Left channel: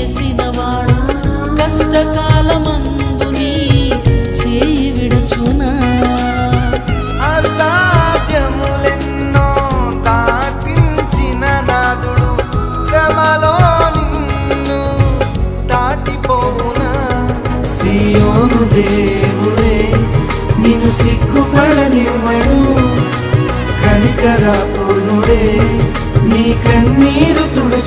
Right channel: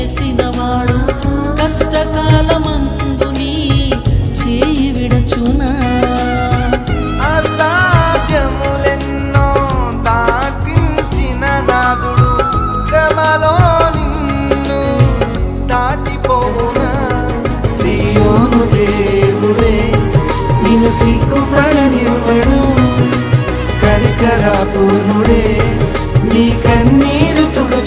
చేసినవాడు కష్టకాలమందు నీ చేయి విడచునా? అసాధ్యములెన్నో దాటించిన నాదుడు శ్రమలో నిన్ను దాటిపోవునా? సియోను దేవుడే నిన్ను సిగ్గుపడనివ్వడు, కనికరాపూర్ణుడే నీ కన్నీరు తుడు